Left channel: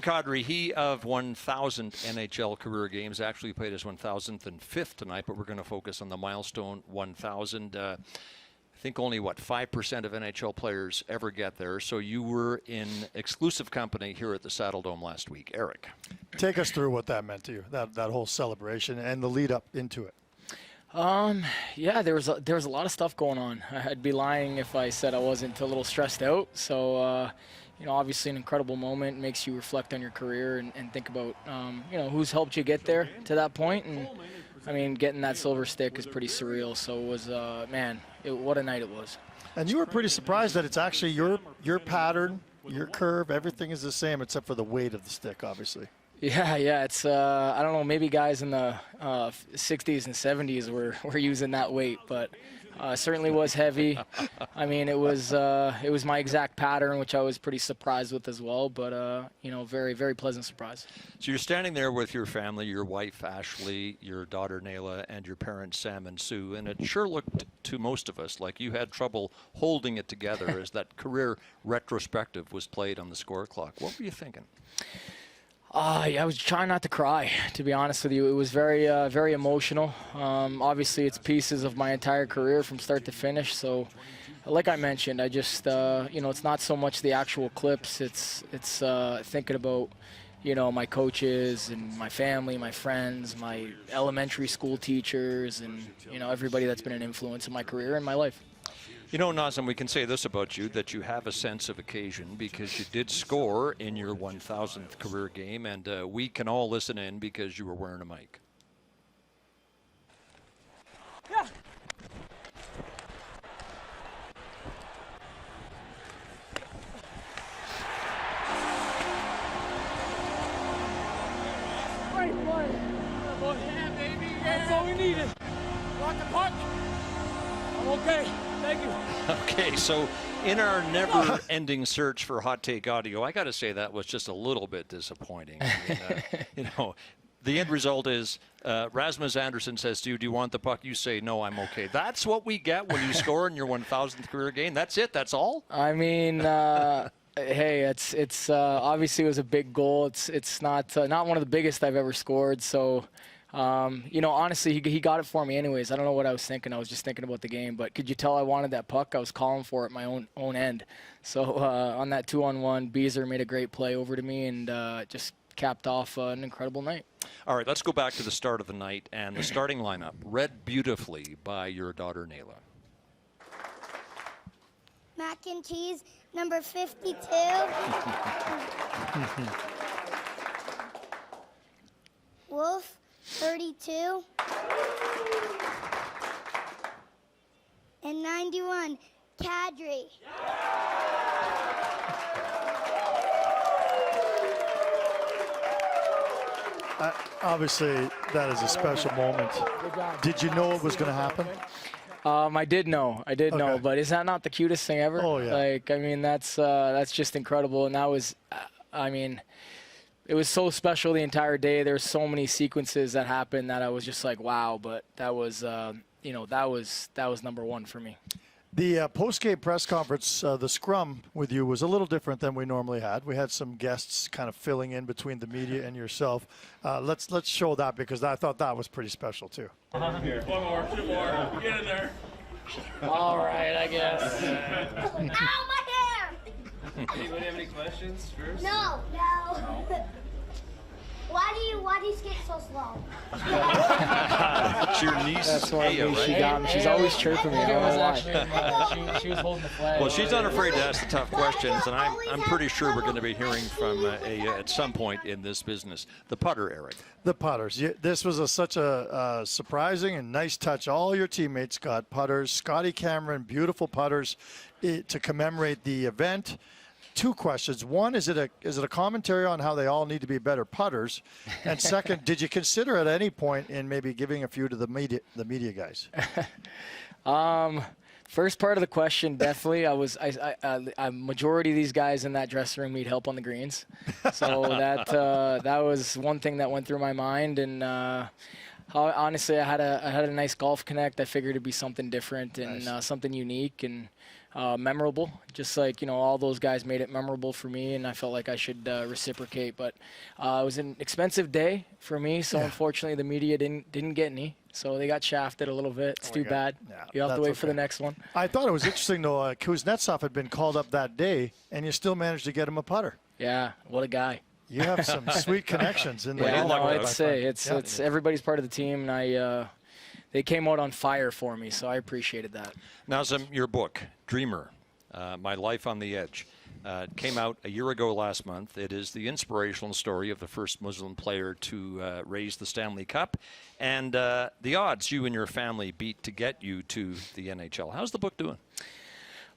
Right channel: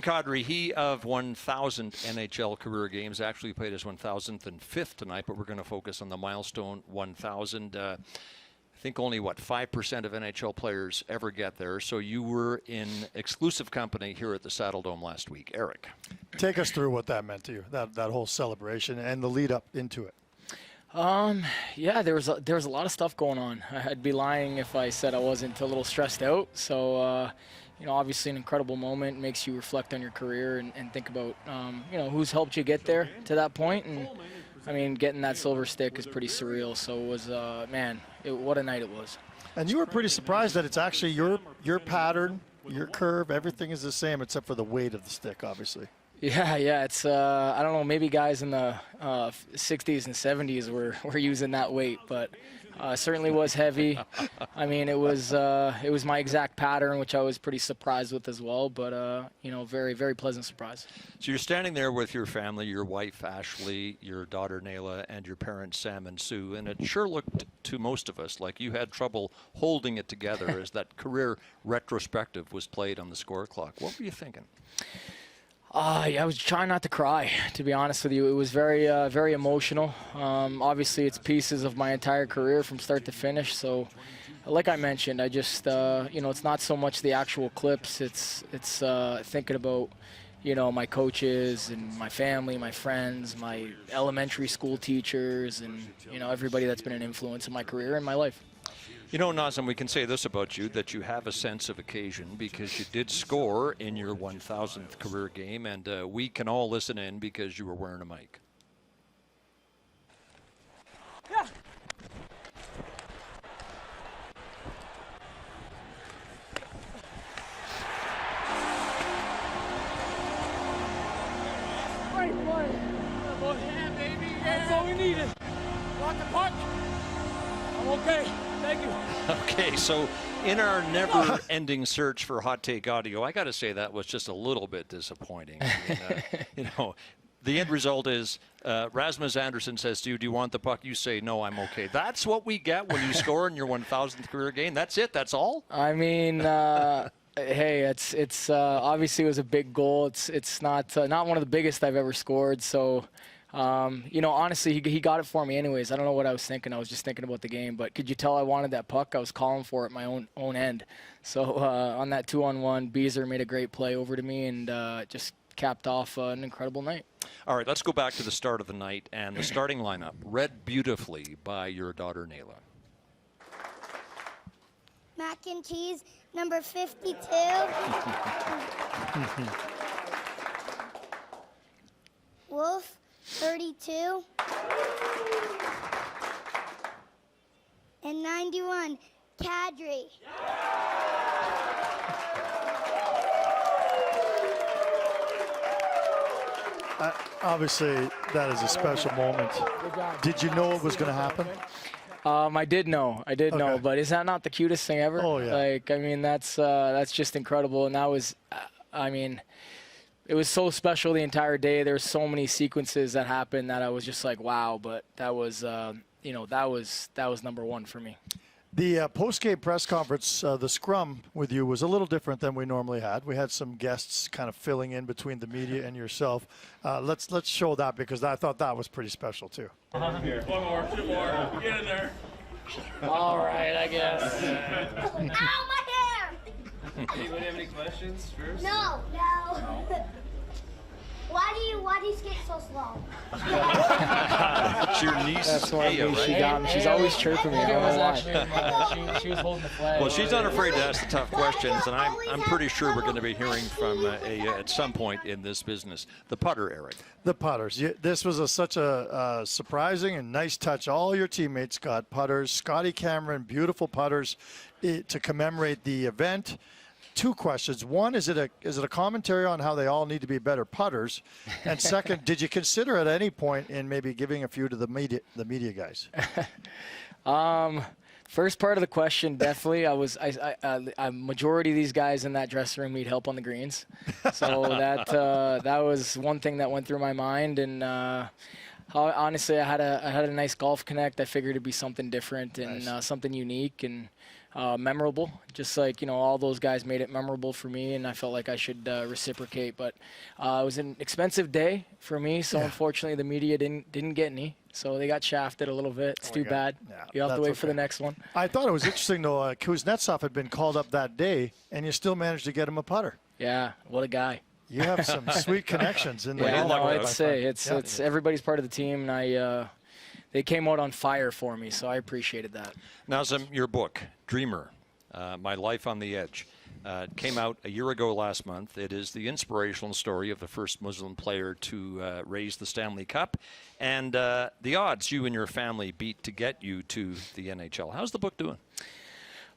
Nazem Kadri, he of 1,000 NHL career games, actually played his 1,005th tonight, but we're going to focus on the milestone 1,000. I think only, 5% of NHL players ever get there. So you were in exclusive company here at the Saddle Dome last week. Eric. Take us through what that meant to you, that whole celebration and the lead up into it. Yeah, there was a lot of stuff going on. I'd be lying if I said I wasn't a little stressed out. So, obviously an incredible moment, makes you reflect on your career and think about, who's helped you get there to that point. And, I mean, getting that silver stick is pretty surreal. So it was, what a night it was. And you were pretty surprised that it's actually your pattern, your curve, everything is the same except for the weight of the stick, obviously. Yeah, it's, I don't know, maybe guys in the 60s and 70s were using that weight, but certainly was heavy. I mean, it was my exact pattern, which I was pretty surprised with as well, but, very, very pleasant surprise. So you're standing there with your family, your wife, Ashley, your daughter, Nayla, and your parents, Sam and Sue, and it sure looked to most of us like you had trouble holding it together as that career retrospective was played on the score clock. What were you thinking? I was trying not to cry, to be honest with you. It was very, very emotional. Obviously, it's pieces of my entire career from start to finish. So, like I mentioned, I just, it's not so much the actual clips. It's thinking about, my coaches and my family, my friends, my elementary school teachers, and, everybody that's been an influence in my career and my life. Nazem, we can say this about you, that you have a sense of occasion because you did score in your 1,000th career game, and we can all listen in because you were wearing a mic. Yeah. Great play. Yeah, baby. That's all we needed. Got the puck. I'm okay. Thank you. Okay, so in our never-ending search for hot take audio, I got to say that was just a little bit disappointing. I mean, the end result is Rasmus Andersson says to you, "Do you want the puck?" You say, "No, I'm okay." That's what we get when you score in your 1,000th career game. That's it. That's all. I mean, hey, it's obviously it was a big goal. It's not one of the biggest I've ever scored. So. Honestly, he got it for me anyways. I don't know what I was thinking. I was just thinking about the game. But could you tell I wanted that puck? I was calling for it my own end. So on that 2-on-1, Beezer made a great play over to me and just capped off an incredible night. All right, let's go back to the start of the night and the starting lineup, read beautifully by your daughter, Nayla. Mac and cheese, number 52. Wolf, 32. And 91, Kadri. Obviously, that is a special moment. Did you know it was going to happen? I did know, but is that not the cutest thing ever? Oh, yeah. That's just incredible, and that was, it was so special the entire day. There's so many sequences that happened that I was just like, wow. But that was, that was number one for me. The post-game press conference, the scrum with you was a little different than we normally had. We had some guests kind of filling in between the media and yourself. Let's show that because I thought that was pretty special too. Here, one more, two more. Get in there. All right, I guess. Ow, my hair! Do you have any questions first? No. Why do you skate so slow? It's your niece. That's why Aya, she right? got me. She's always chirping me. I don't know why. She was holding the flag. Well, she's not afraid to ask the tough questions, and I'm pretty sure we're going to be hearing from Aya at some point in this business. The putter, Eric. The putters. This was such a surprising and nice touch. All your teammates got putters. Scotty Cameron, beautiful putters to commemorate the event. Two questions. One, is it a commentary on how they all need to be better putters? And second, did you consider at any point in maybe giving a few to the media guys? First part of the question, definitely. A majority of these guys in that dressing room need help on the greens, so that was one thing that went through my mind. And honestly, I had a nice golf connect. I figured it'd be something different and something unique. And memorable, just like, all those guys made it memorable for me, and I felt like I should reciprocate. But it was an expensive day for me, so unfortunately the media didn't get any, so they got shafted a little bit. It's too bad. Yeah, You have to that's wait for the next one. I thought it was interesting, though, Kuznetsov had been called up that day, and you still managed to get him a putter. Yeah, what a guy. You have some sweet connections in the Yeah, world. no, I'd say it's everybody's part of the team, and they came out on fire for me, so I appreciated that. Nazem, your book, Dreamer, My Life on the Edge, came out a year ago last month. It is the inspirational story of the first Muslim player to raise the Stanley Cup and the odds you and your family beat to get you to the NHL. How's the book doing?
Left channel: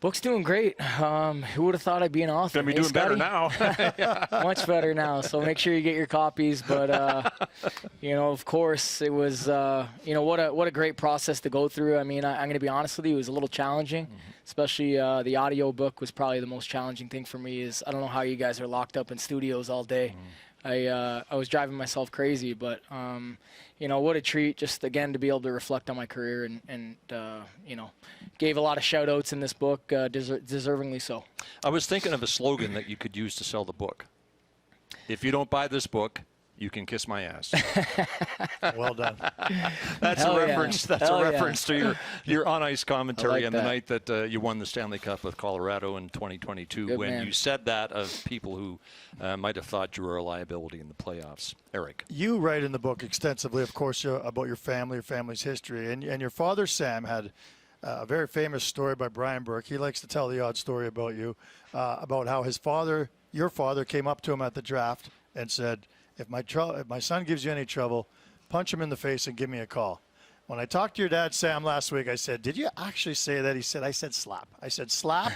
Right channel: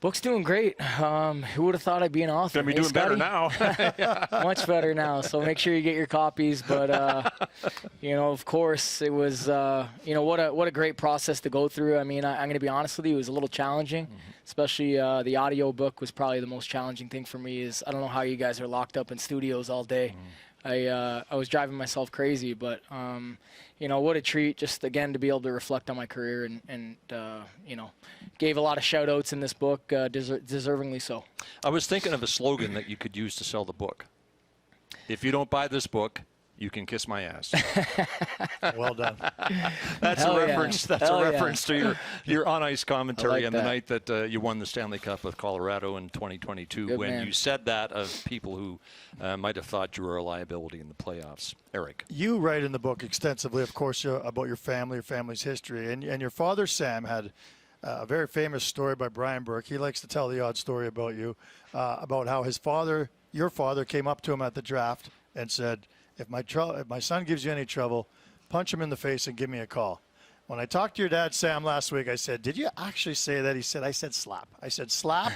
Book's doing great. Who would have thought I'd be an author? Gonna be doing better now. Much better now. So make sure you get your copies. But of course, it was what a great process to go through. I mean, I'm gonna be honest with you, it was a little challenging, especially the audio book was probably the most challenging thing for me. Is I don't know how you guys are locked up in studios all day. I was driving myself crazy, but what a treat just again to be able to reflect on my career and gave a lot of shout outs in this book, deservingly so. I was thinking of a slogan that you could use to sell the book. If you don't buy this book, you can kiss my ass. Well done. That's Hell a reference. yeah. That's Hell a reference to your on ice commentary like on the that. night that you won the Stanley Cup with Colorado in 2022. Good when man. you said that of people who might have thought you were a liability in the playoffs. Eric. You write in the book extensively, of course, about your family, your family's history. And your father, Sam, had a very famous story by Brian Burke. He likes to tell the odd story about you, about how your father, came up to him at the draft and said, if my son gives you any trouble, punch him in the face and give me a call. When I talked to your dad, Sam, last week, I said, did you actually say that? He said, I said slap. I said slap?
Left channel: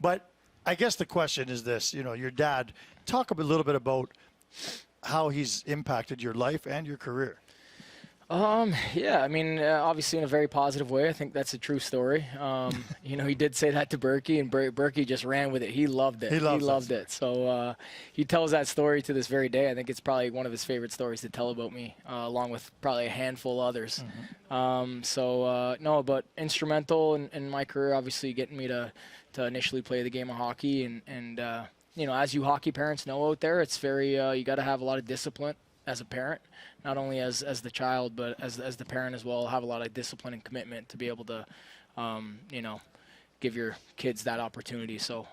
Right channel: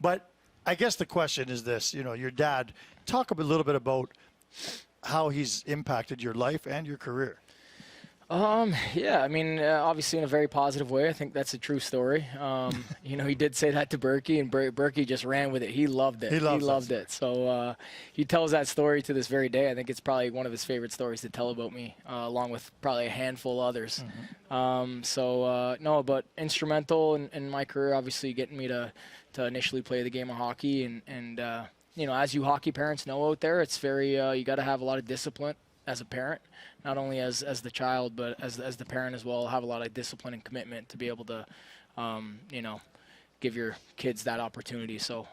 But I guess the question is this, your dad, talk a little bit about how he's impacted your life and your career. Yeah, I mean, obviously in a very positive way. I think that's a true story. He did say that to Berkey, and Berkey just ran with it. He loved it. He loved it. So he tells that story to this very day. I think it's probably one of his favorite stories to tell about me, along with probably a handful of others. But instrumental in my career, obviously getting me to initially play the game of hockey. And as you hockey parents know out there, it's very, you got to have a lot of discipline as a parent, not only as the child, but as the parent as well. Have a lot of discipline and commitment to be able to, give your kids that opportunity. So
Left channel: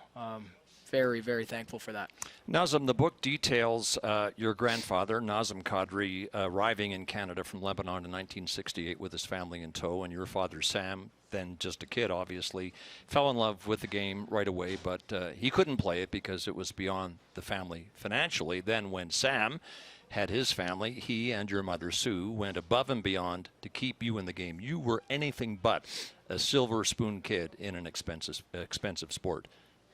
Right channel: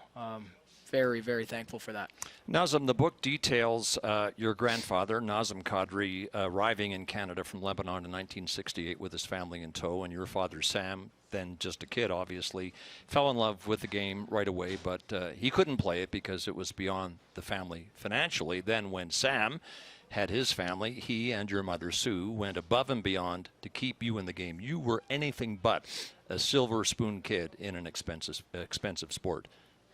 very, very thankful for that. Nazem, the book details your grandfather, Nazem Kadri, arriving in Canada from Lebanon in 1968 with his family in tow, and your father, Sam, then just a kid, obviously, fell in love with the game right away, but he couldn't play it because it was beyond the family financially. Then when Sam had his family, he and your mother, Sue, went above and beyond to keep you in the game. You were anything but a silver spoon kid in an expensive sport.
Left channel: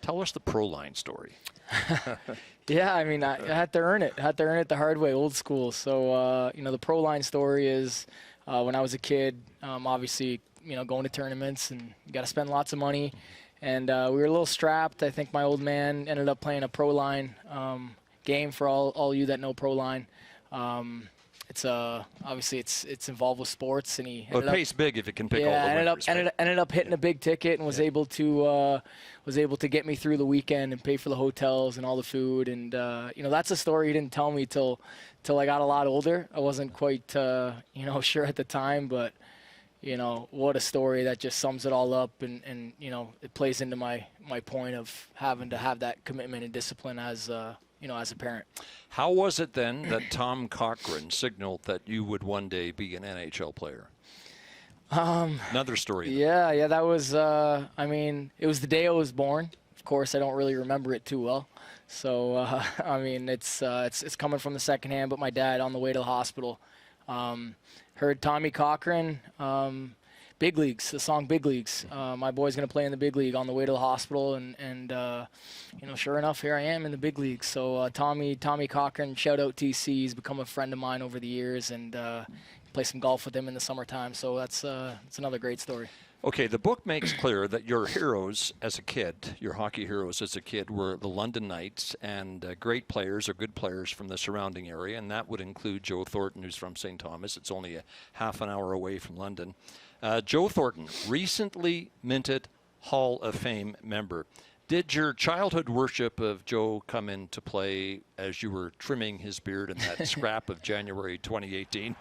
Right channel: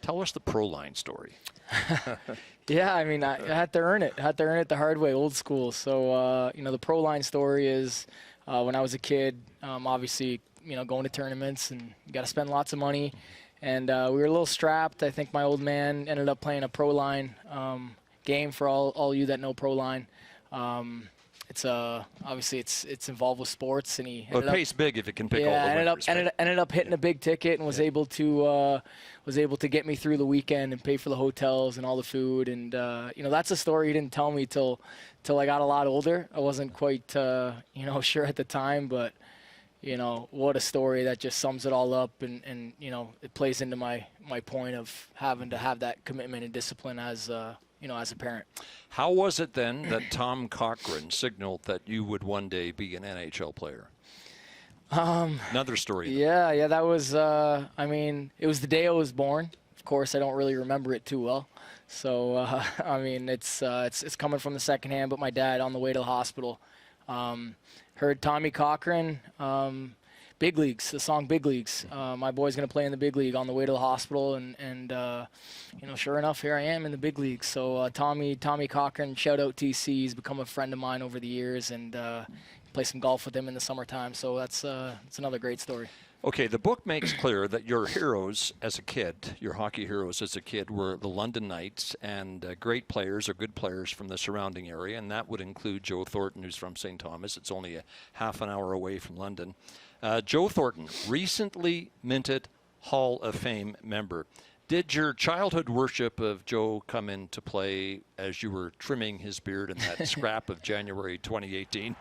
Tell us the pro line story. Yeah, I mean, I had to earn it. I had to earn it the hard way, old school. So, the pro line story is when I was a kid, obviously, going to tournaments, and you got to spend lots of money. And we were a little strapped. I think my old man ended up playing a pro line game for all you that know pro line. It's obviously it's involved with sports, and he But it pays big if it can pick all the winners. ended up hitting a big ticket and was able to get me through the weekend and pay for the hotels and all the food. And that's a story he didn't tell me till I got a lot older. I wasn't quite sure at the time, but what a story that just sums it all up, and it plays into my point of having to have that commitment and discipline as a parent. How was it then that Tom Cochran signaled that you would one day be an NHL player? Another story. Yeah, that was, it was the day I was born. Of course, I don't really remember it too well. So, it's coming from the second hand, but my dad on the way to the hospital heard Tommy Cochran, Big Leagues, the song Big Leagues. My boy's going to play in the big league on the way to the hospital, and sure enough, here I am in the big league. So Tommy Cochran, shout out TC, he's become a friend of mine over the years, and play some golf with him in the summertime. So that's another great story. Okay, the book makes clear that your heroes as a kid, your hockey heroes as a kid, were the London Knights and great players or good players from the surrounding area, and that would include Joe Thornton, who's from St. Thomas. It's only a half an hour away from London. Joe Thornton recently minted Hall of Fame member. Did your childhood worship of Joe come into play as you were trimming his beard in that scrap of January 2018?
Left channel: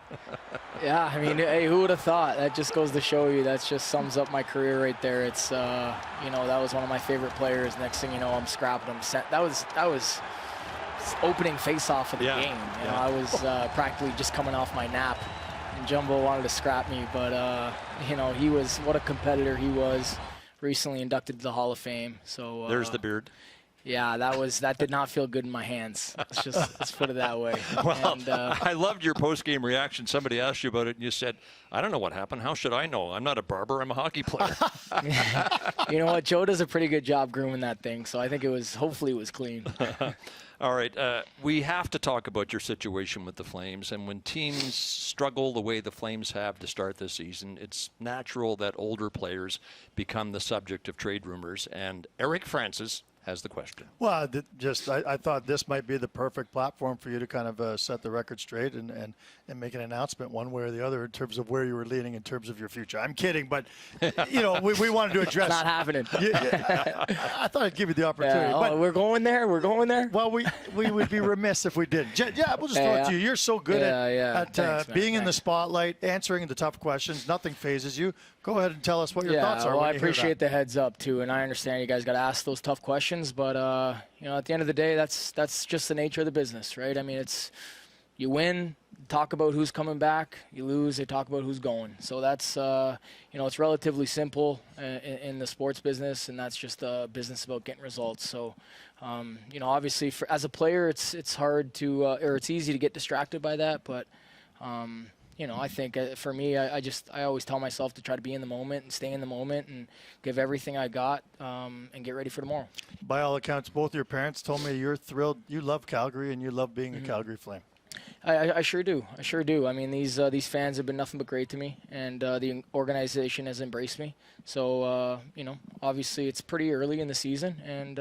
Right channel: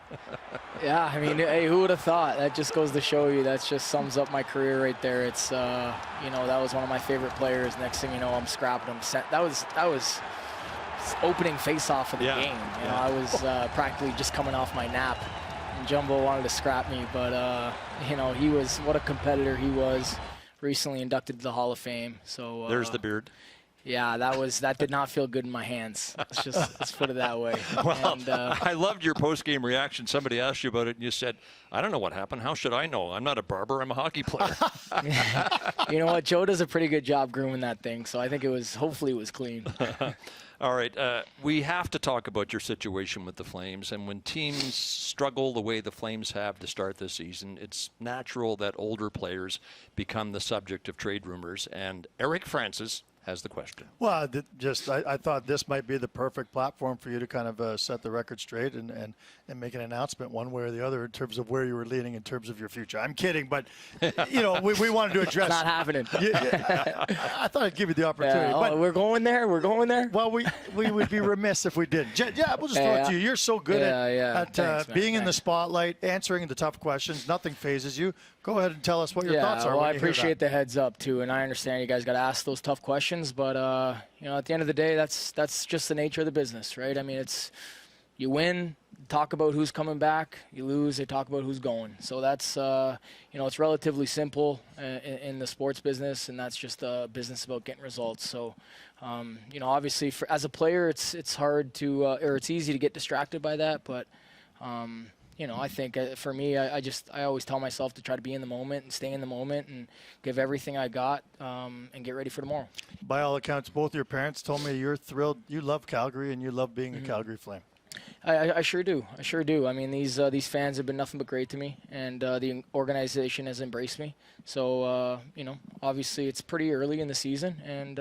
Yeah, I mean, hey, who would have thought? That just goes to show you. That just sums up my career right there. It's, that was one of my favorite players. Next thing you know, I'm scrapping him. That was opening face-off of the game. I was practically just coming off my nap, and Jumbo wanted to scrap me. But, he was, what a competitor he was. Recently inducted to the Hall of Fame. So there's the beard. Yeah, that did not feel good in my hands. Let's put it that way. Well, and, I loved your post-game reaction. Somebody asked you about it, and you said, I don't know what happened. How should I know? I'm not a barber. I'm a hockey player. You know what? Joe does a pretty good job grooming that thing, so I think hopefully it was clean. All right, we have to talk about your situation with the Flames, and when teams struggle the way the Flames have to start this season, it's natural that older players become the subject of trade rumors, and Eric Francis has the question. Well, I thought this might be the perfect platform for you to kind of set the record straight and make an announcement one way or the other in terms of where you were leading in terms of your future. I'm kidding, but, we wanted to address. It's not happening. I thought I'd give you the opportunity. Yeah, but we're going there? We're going there? Well, we would be remiss if we didn't. We'll just throw it to you. You're so good at Thanks, being in the spotlight, answering the tough questions. Nothing phases you. Go ahead and tell us what your thoughts are. Well, I appreciate the heads up too, and I understand you guys got to ask those tough questions. But at the end of the day, that's just the nature of the business, right? I mean, it's you win, talk about who's coming back. You lose, they talk about who's going. So that's it's relatively simple in the sports business, and that's just a business about getting results. So. Obviously, as a player, it's hard to, or it's easy to get distracted by that. But, I think for me, I always tell myself to try to be in the moment and stay in the moment and give everything I got and get ready for tomorrow. By all accounts, both your parents told me you're thrilled. You love Calgary and you love being a Calgary Flame. I sure do. I mean, these fans have been nothing but great to me, and the organization has embraced me. So, obviously, it's pretty early in the season, and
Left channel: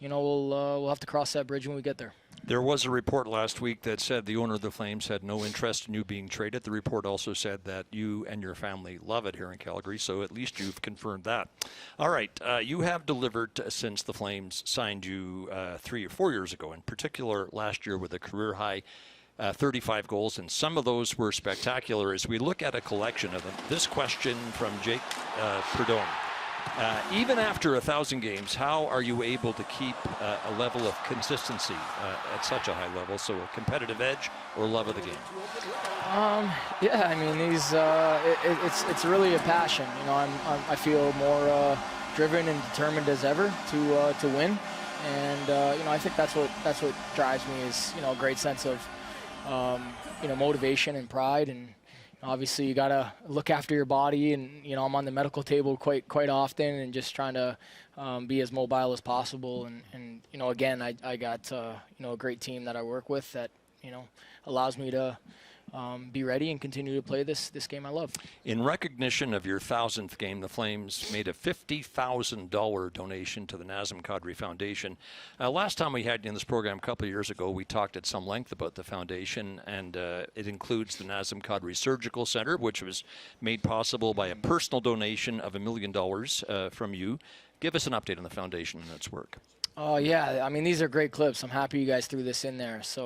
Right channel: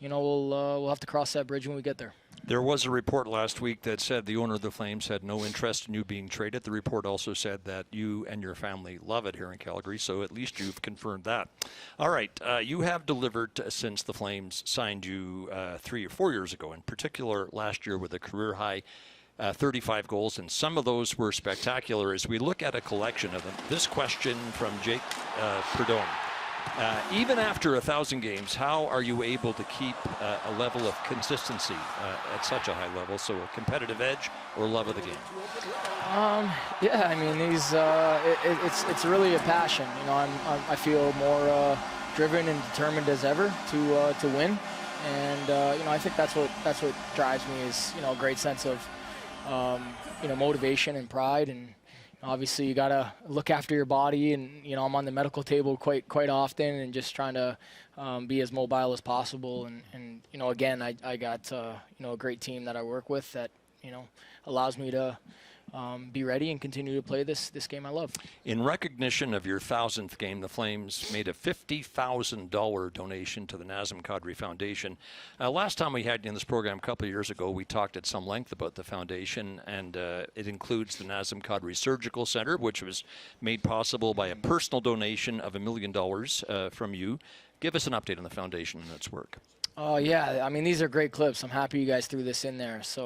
we'll have to cross that bridge when we get there. There was a report last week that said the owner of the Flames had no interest in you being traded. The report also said that you and your family love it here in Calgary, so at least you've confirmed that. All right, you have delivered since the Flames signed you 3 or 4 years ago, in particular last year with a career-high 35 goals, and some of those were spectacular. As we look at a collection of them, this question from Jake Prudhomme. Even after 1,000 games, how are you able to keep a level of consistency at such a high level? So a competitive edge or love of the game? I mean, it's really a passion. I feel more driven and determined as ever to win, and I think that's what drives me is a great sense of motivation and pride. And obviously, you gotta look after your body, and I'm on the medical table quite often, and just trying to be as mobile as possible. And again, I got a great team that I work with that allows me to be ready and continue to play this game I love. In recognition of your 1,000th game, the Flames made a $50,000 donation to the Nazem Kadri Foundation. Last time we had you in this program a couple of years ago, we talked at some length about the foundation, and it includes the Nazem Kadri Surgical Center, which was made possible by a personal donation of $1 million from you. Give us an update on the foundation and its work. Oh, yeah. I mean, these are great clips. I'm happy you guys threw this in there. So,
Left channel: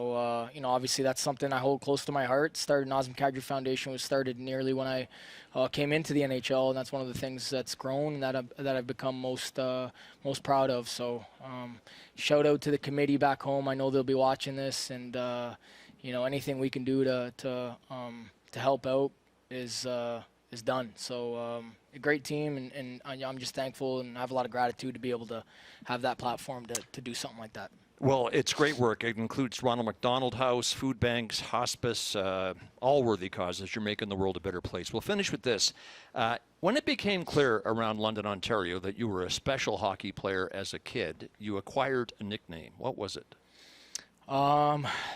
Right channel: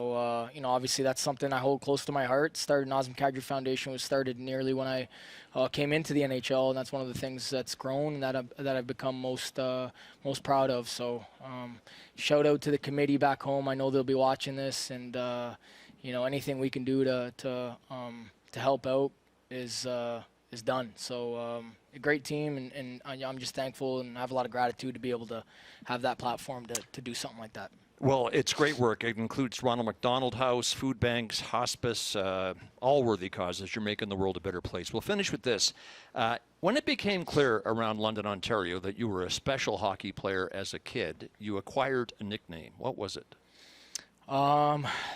obviously that's something I hold close to my heart. Nazem Kadri Foundation was started nearly when I came into the NHL, and that's one of the things that's grown and that I've become most proud of. So, shout out to the committee back home. I know they'll be watching this, and anything we can do to help out is done. So a great team, and I'm just thankful and I have a lot of gratitude to be able to have that platform to do something like that. Well, it's great work. It includes Ronald McDonald House, food banks, hospice, all worthy causes. You're making the world a better place. We'll finish with this. When it became clear around London, Ontario, that you were a special hockey player as a kid, you acquired a nickname. What was it?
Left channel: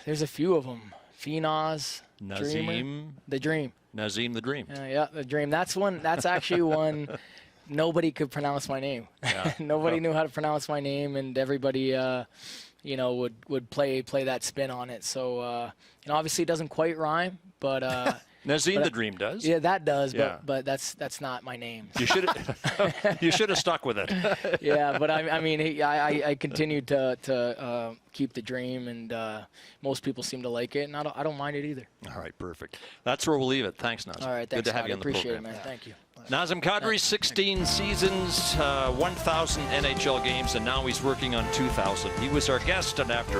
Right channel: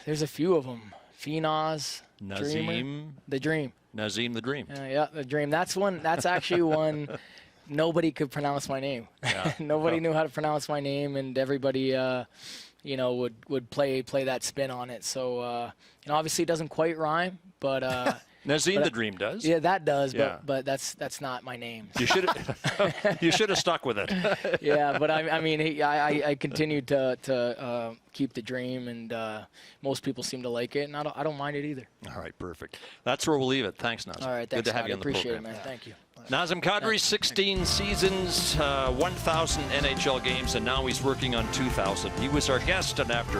There's a few of them. Phenos, Nazem, the Dream. Nazem the Dream. Yeah, the Dream. That's actually one nobody could pronounce my name. Yeah. Nobody knew how to pronounce my name, and everybody, would play that spin on it. So, obviously it doesn't quite rhyme, but Nazem the Dream does. Yeah, that does, Yeah. but that's not my name. You should you should have stuck with it. Yeah, but I mean, I continued to keep the dream, and most people seem to like it, and I don't mind it either. All right, perfect. That's where we'll leave it. Thanks, Nazem. All right, thanks, Good to have Scott. you on the Appreciate program. it, man. Thank you. Nazem Kadri, 16 seasons, 1,000 NHL games, and now he's working on 2,000. He was our guest, and after